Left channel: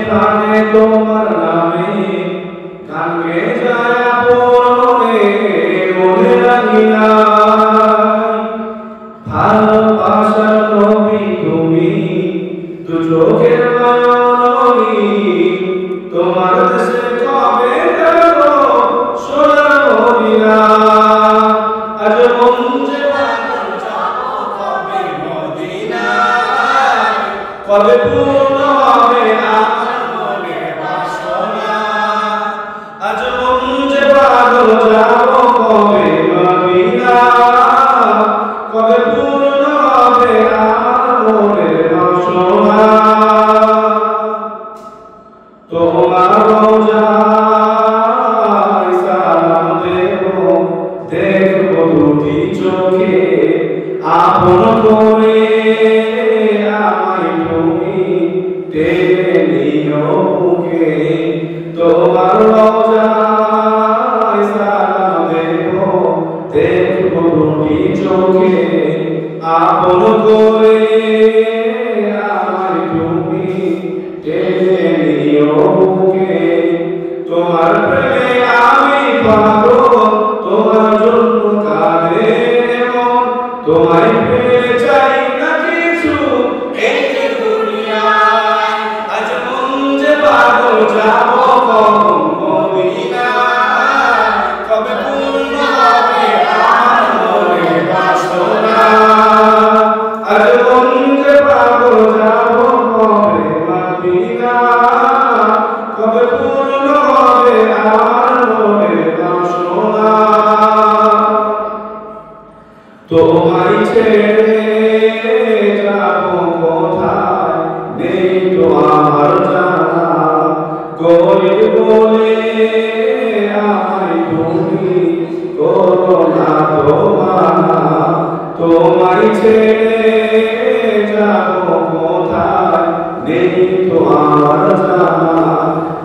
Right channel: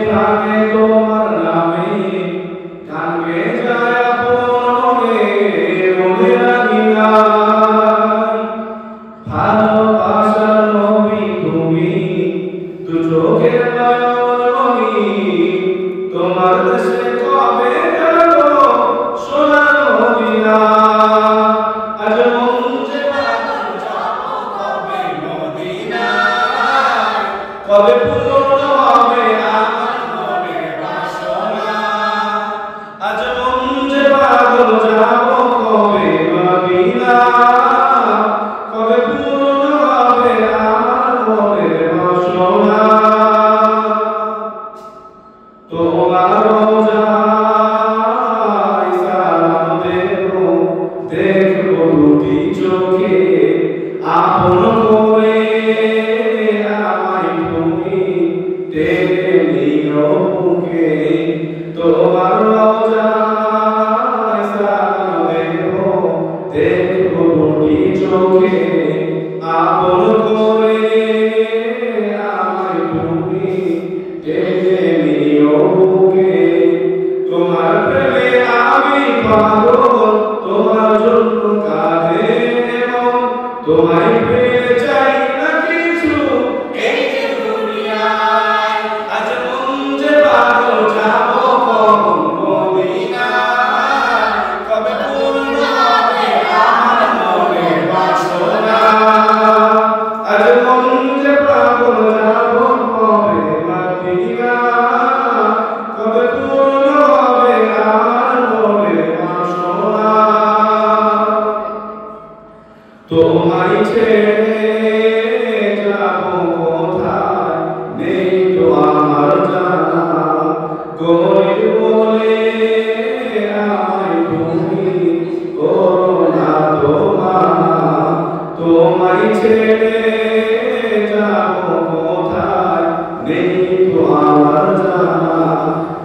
প্রাণে তোমার নামে গান গেয়ে যায় আপনে মনে রাখি নাই ভালোবাসার নবী তুমি দু চোখের নয়নী তোমার দেশে কবে যাব সোনার মদিনা আজ মন যে পাগল যাব কবে মদিনা কবে পূর্ণ হবে আমার মনের বাসনা আজ মন যে পাগল যাব কবে মদিনা কবে পূর্ণ হবে আমার মনের বাসনা তোমার রোজায় সালাম দেব দেখব দুটি চোখে আপন করে আমায় তুমি টেনে নিও বুকে তোমার রোজায় সালাম দেব দেখব দুটি চোখে আপন করে আমায় তুমি টেনে নিও বুকে তোমার প্রেমে আমি পাগল তোমার জন্য কাঁদে মন তোমায় পেয়ে চাই না কিছু এই যে দুনিয়ায় আজ মন যে পাগল যাব কখন মদিনা কবে পূর্ণ হবে আমার মনের বাসনা আজ মন যে পাগল যাব কবে মদিনা কবে পূর্ণ হবে আমার মনের বাসনা তোমায় ছেড়ে যাব কোথায় নেই তো আমার জানা গরিব বলে আমায় তুমি করো না তোমানা তোমায় ছেড়ে যাব কোথায় নেই তো আমার জানা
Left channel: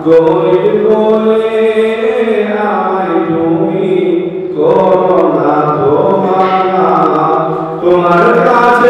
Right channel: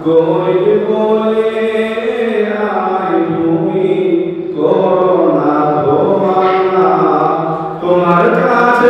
গরিব বলে আমায় তুমি করো না তোমানা তোমার কাছে